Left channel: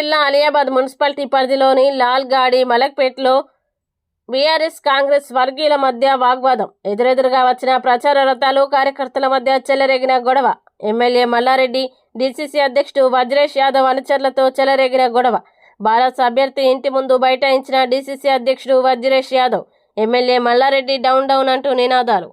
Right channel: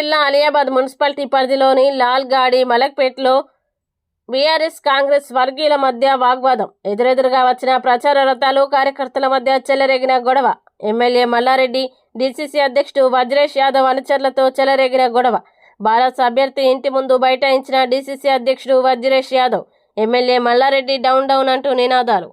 జిల్లా అలియాబాద్ మున్సిపాలిటీ పరిధిలోని లాల్గాడి మలక్పేట్లో బీఆర్ఎస్ కాంగ్రెస్ వర్గీయుల మధ్య వాగ్వాదం. ఎదురెదురుగా వచ్చిన ప్రచార రథాలు, కార్యకర్తల మధ్య చెలరేగిన గొడవ. ఎమ్మెల్యే మల్లారెడ్డి, డీసీసీ అధ్యక్షుడు వజ్రేష్ యాదవ్ అనుచరులతో చెలరేగిన గొడవ. భారత్ అభ్యర్థి ఇంటి ముందు బైఠాయించిన డీసీసీ అధ్యక్షుడు Vajresh Yadav. MLA Malla Reddy down down అంటూ నినాదాలు.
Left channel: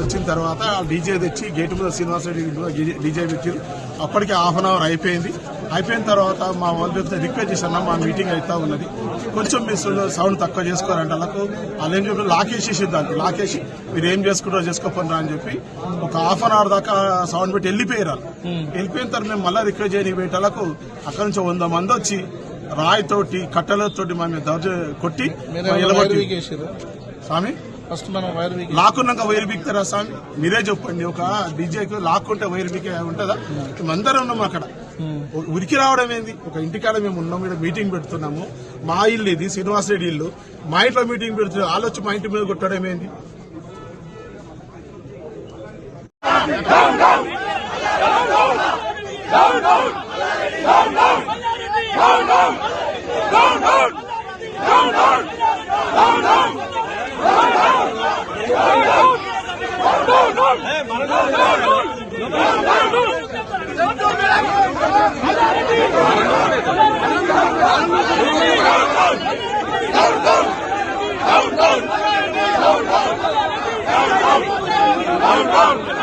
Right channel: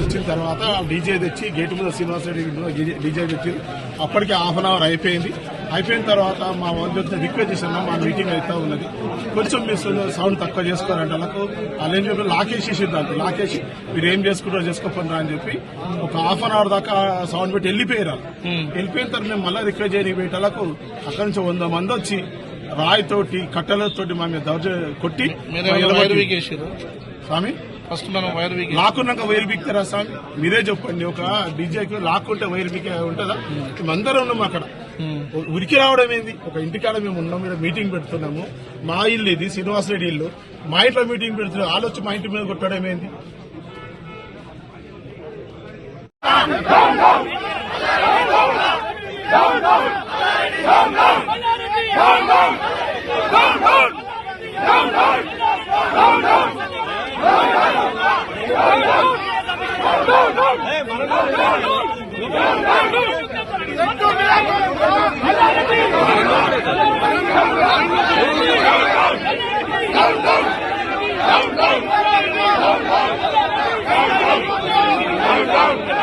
వచ్చిన తర్వాత డీజే తెచ్చి గేటు మీద శ్రీనివాసరెడ్డి డీజే తెచ్చి అప్పటికే హాఫ్ అన్ అవర్ అయిపోయిన తర్వాత మా వాళ్ళు రిక్వెస్ట్ చేశాను. మా మీటింగ్ అవుతా ఉన్నది, కొంచెం మీ సౌండ్ తక్కువ చేసుకోవాలంటే వాళ్ళకు వాళ్ళు ఏం చెప్పి లాకేసి దానికి లాకేసి మీరు ఏం చేసుకుంటారో చేసుకోకుండా అని చెప్పి ఒక హాఫ్ అన్ అవర్ దాకా సౌండ్ పెట్టి వెళ్ళిపోయారు. వెళ్ళిపోయిన తర్వాత మేము మళ్ళీ రిక్వెస్ట్ చేయని పెట్టాలకు అక్కడి నుంచి 100 మంది వచ్చి రాయితోటి కట్టెలతోటి మా మీద కొట్టి స్వామి లాక్కున్నాక వైర్ బిక్తారా స్వామి? మీరే చెప్పండి. ఒక డీజేకి లాక్కుంటే వైర్ బికే ఉంటుందా? మేమందరం ఉన్నాము అక్కడ. ఉరికి రావడం ఏంది? ఒక ఇంటికాడ మేము ఉన్నాము, ఇక్కడ మీటింగ్ పెడుతున్నాము. మా ఇల్లు ఇది శ్రీనివాసరెడ్డి ఇల్లు. మా ఇంట్లో మీటింగ్ పెడుతున్నాం, వాళ్ళు వచ్చి మా ఇంటి మీద కొట్టడం ఏంది? Down.